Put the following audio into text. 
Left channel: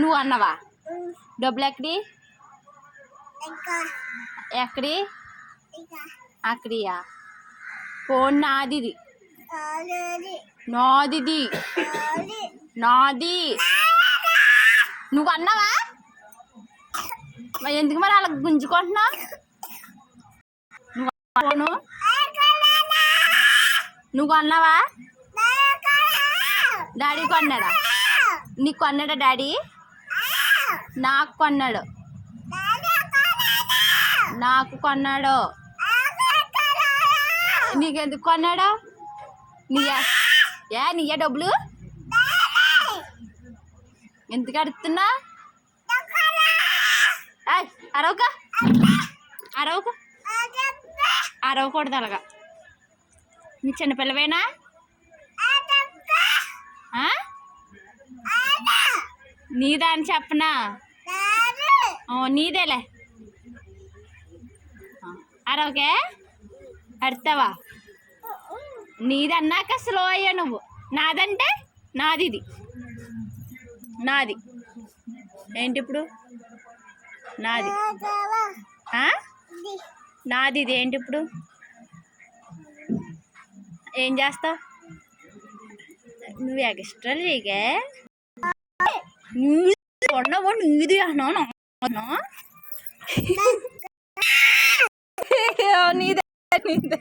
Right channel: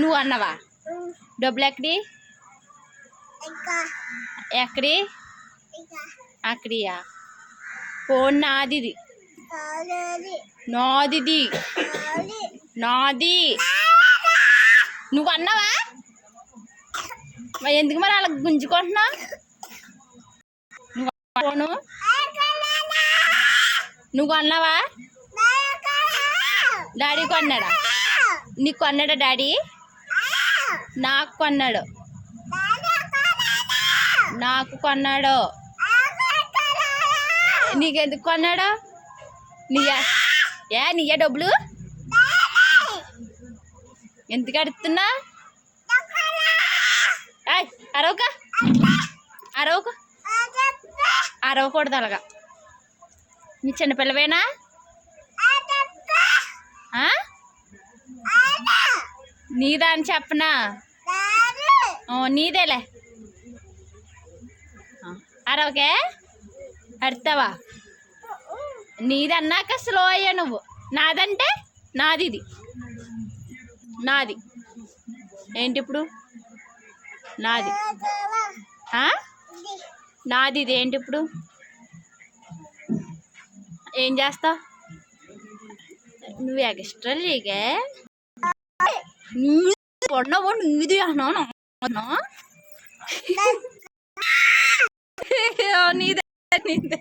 నువ్వు అన్నవా? డబ్బులు ఎక్కడి ఎక్కడి అక్కడియా? ఫోన్ నాదిది, నాదిది, నాది. నువ్వు అన్నావా? మరి ఎందుకు మరి అలా గుంజుకుంటున్నావు? నువ్వు ఫోను నువ్వు కొన్నావా? డాడీ కొన్నాడా? నీకు కొన్నాడా డాడీ? నాకు కొన్నాడు, నాకు కొన్నాడు. నీకెందుకు కొన్నాడు? నీయా డబ్బులు? ఎందుకు అడుగుతున్నా? అరవక అరవక అరవకూడదు అలాగా. నీ చిన్నపిల్లవేనా? నీదా అని చెప్పనా? నీదేలే. అరవకే అడతావా? నీదన్నాక స్లో అయ్యా నువ్వు. నాదంటే నాది, ఇది నాది. ఏంటి ఇప్పుడు? నాది నాది ఇది. ఏంటి ఇప్పుడు? ఏం చేస్తావు నువ్వు? ఎక్స్ట్రా లేకే ఉండవు. నీది అన్నా నీదే నీదే.